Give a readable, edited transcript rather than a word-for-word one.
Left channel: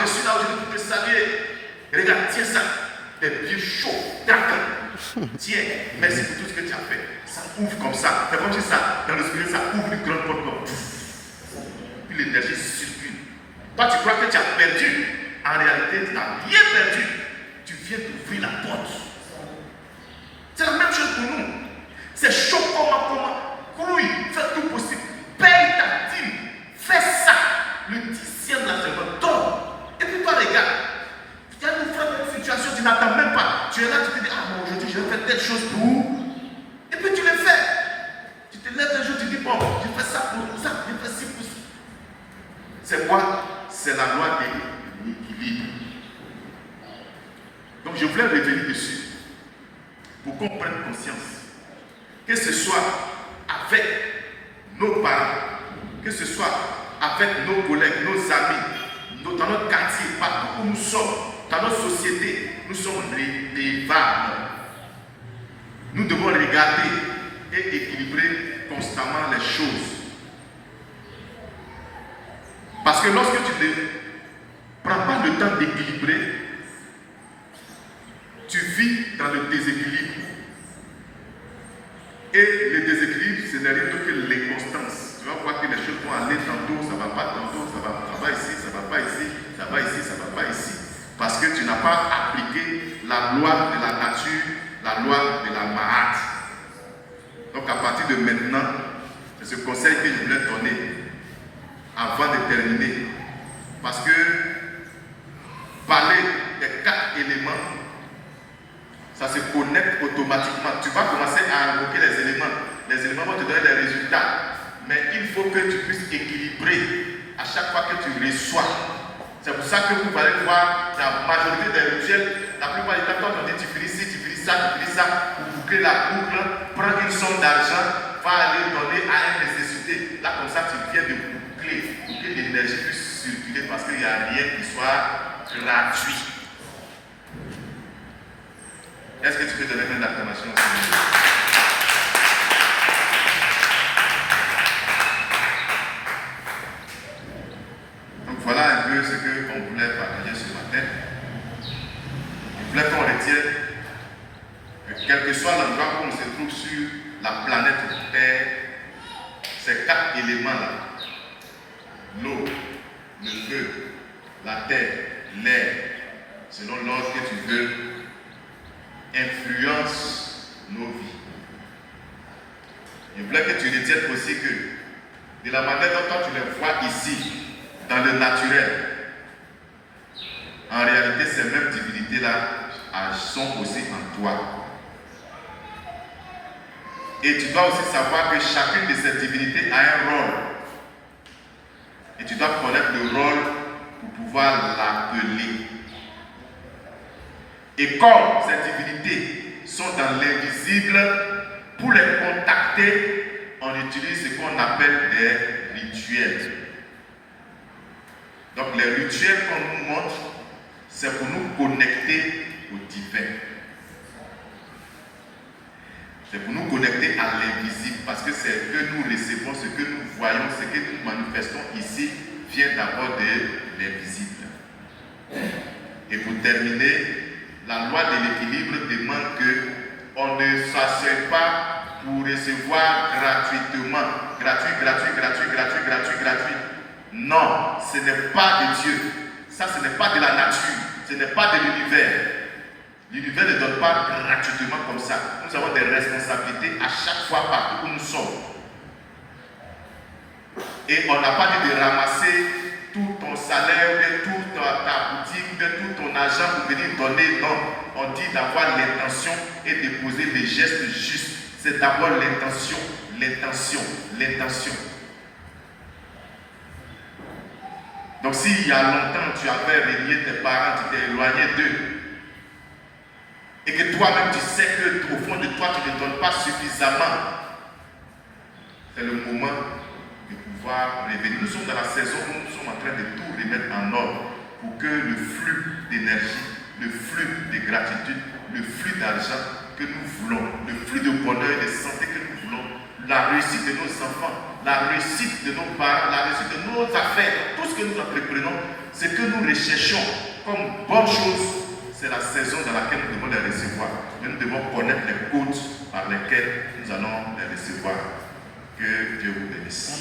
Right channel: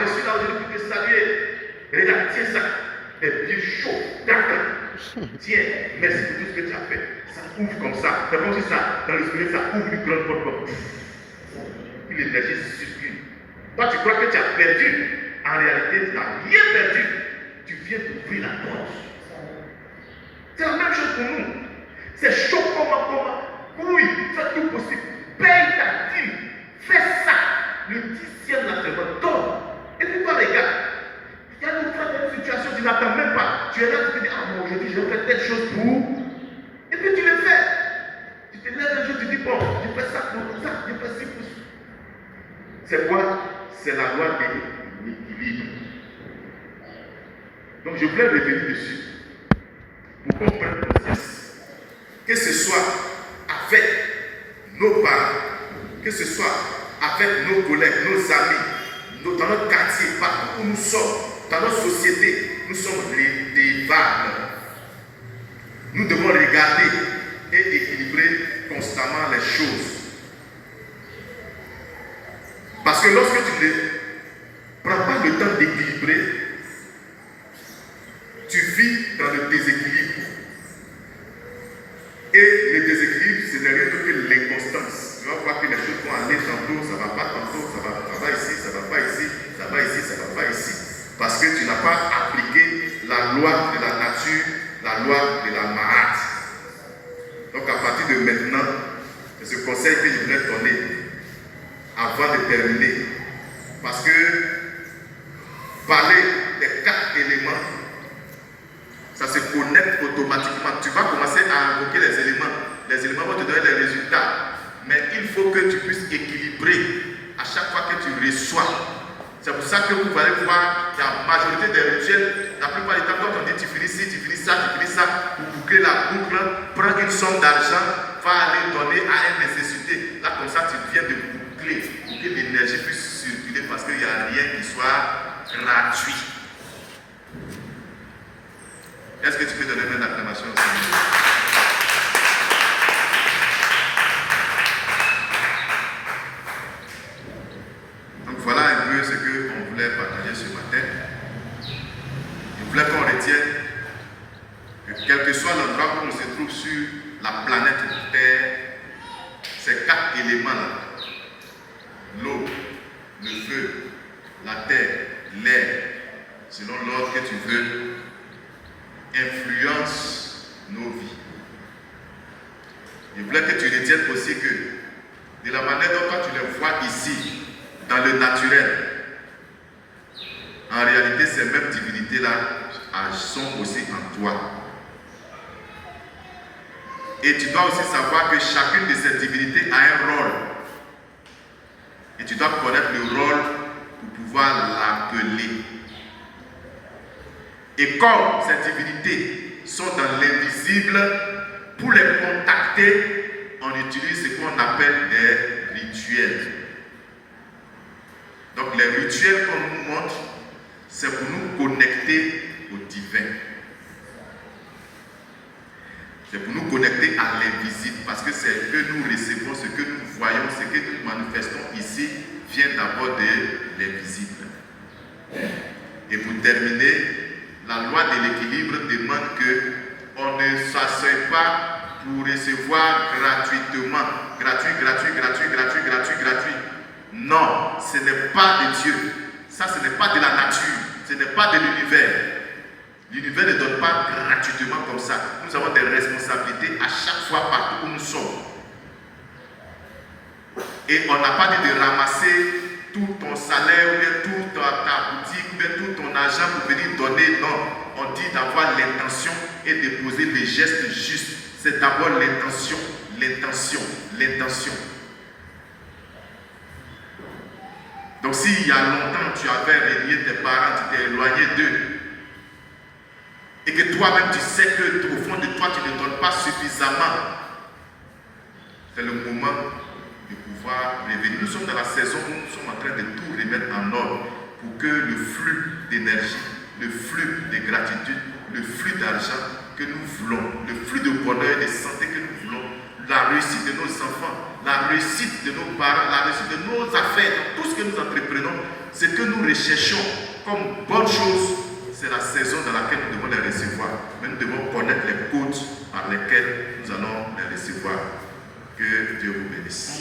je suis là aujourd'hui pour te saluer. Regarde, tiens ça. Des pieds chauds, d'accord. Tiens, merci pour tout ce que tu as fait. Ça ouvre comme ça. C'est comme si ça, dans le spirit, ça ouvre une grande porte comme. Puis l'énergie circule. Toi, tu crois que tu as perdu. En réalité, tu n'as rien perdu. Tu viens d'ouvrir la porte. C'est la même chose pour nous. C'est chaud comme grouille. Fais tout possible. Paye ta dîme. Fais ça. Le 10e de la semaine. Donne. Et puis toi, les gars, tu as une frère dans une situation, tu n'attends même pas. Tu es là, tu te dis, ah, bon, aujourd'hui, je vais faire telle chose pour. Et puis tu le fais. Tu te lèves un jour, tu dis, bon, je fais ça pour ça, je fais ci pour ça. C'est quoi? C'est la loi de l'équilibre. Donc, je voulais revenir dessus pour qu'on prenne conscience. Que ce soit avec nos parents, que ce soit avec nos collègues, nos amis, dans notre quartier, partout où nous sommes, dans notre société, nous sommes redevables. Nous devons regarder et équilibrer constamment les choses. Parce que lorsque tu ne prends pas le temps d'équilibrer, tu vis dans le déséquilibre. Et le déséquilibre, ce n'est rien d'autre que l'inconstance. Tu vas voir que les choses vont aller tantôt, ça ne va pas tantôt, ça va ici, ça ne va pas ici, ça va ici, ça ne va pas ici. Parce que tu n'as pas appliqué la loi de la nature, la loi de la Mahat. Donc à partir de maintenant, c'est ce conseil que je voulais donner avant de terminer. Parce que parler des 4 éléments, ça se connecte automatiquement. Tu vas commencer à invoquer les éléments. Les éléments vont te donner des résultats. Mais il faut que tu puisses équilibrer à chaque fois que tu reçois. C'est pour ça que vous allez voir qu'il y a la majorité des rituels. La plupart du temps, quand on dit tu finis ci, tu finis ça, pour boucler la boucle, prends une somme d'argent, va aller donner à une nécessité. Là, comme ça, tu viens de boucler pour que l'énergie puisse circuler parce qu'il n'y a rien qui soit gratuit. Est-ce que tu peux donner une acclamation au Seigneur? Donc voilà un peu ce qu'on voulait partager ce matin. Je voulais qu'on retienne que quel que soit l'endroit où on se trouve sur la planète Terre, ces 4 éléments-là, l'eau, le feu, la terre, l'air, selon l'ordre que tu veux, influence nos vies. Je voulais que tu retiennes aussi que de la manière dont toi tu les vois ici, dans le naturel, en réalité ces mêmes divinités-là sont aussi en toi. Et tu dois aussi savoir que chacune de ces divinités a un rôle. Et tu dois connaître le rôle pour pouvoir l'appeler. Et comme ces divinités sont dans l'invisible, pour les contacter, on utilise ce qu'on appelle des rituels. Donc les rituels qu'on nous montre, c'est pour nous connecter au divin. C'est pour nous connecter à l'invisible, parce que c'est que nous recevons, ce que nous voyons, ce que nous manifestons ici, vient d'abord de l'invisible. Et pour terminer, la loi de l'équilibre demande qu'on ne s'asseye pas pour recevoir gratuitement. Gratuit. Non, ce n'est pas de Dieu. Ça, ce n'est pas de la nature. Ce n'est pas de l'univers. L'univers ne donne pas gratuitement comme ça. Nous avons des responsabilités à chaque fois partout où nous sommes. Et on n'a pas dit de ramasser tout ton salaire, ou bien toute ta boutique, ou bien tout ton argent pour venir donner. Non, on dit d'avoir l'intention et de poser les gestes justes. C'est d'abord l'intention. Donc s'il y a longtemps tu avais renié tes parents, tu t'es éloigné d'eux, et que toi-même tu sais qu'au fond de toi tu ne donnes pas suffisamment, c'est le moment de pouvoir revenir. Nous sommes dans la saison où nous sommes en train de tout remettre en ordre pour que le flux d'énergie, le flux de gratitude, le flux d'argent que nous voulons, le flux de bonheur et de santé que nous voulons, la réussite de nos enfants, la réussite de nos parents, la réussite de nos affaires, tout ce que nous entreprenons, ce que nous recherchons comme bonne chose, c'est la saison dans laquelle nous devons les recevoir. Mais nous devons connaître les codes par lesquels nous allons les recevoir. Que Dieu vous bénisse.